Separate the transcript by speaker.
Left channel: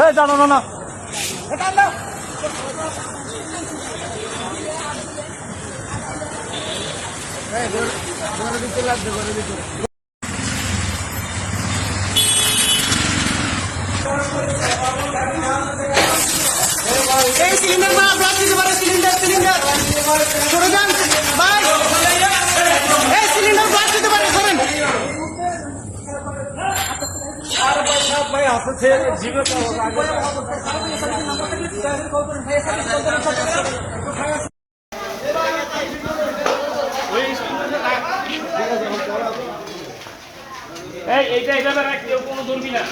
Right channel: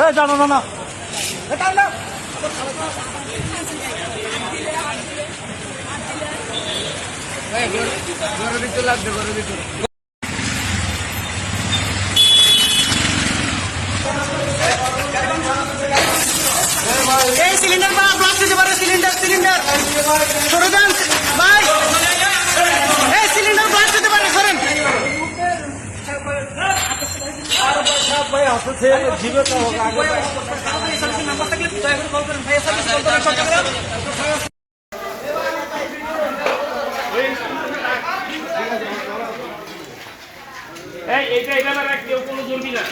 Speaker 1: ও জানো না না।
Speaker 2: ঘরের ভিতরে লাগবে ঘরের ভিতরে।
Speaker 1: এই সিলিন্ডার মা ব্লক দিতে পারে সিলিন্ডার সিলিন্ডার এই সিলিন্ডার ব্লক দিতে পারে ধরেন।
Speaker 3: এই এইটা এটা কেউ কোনো ধরবি না।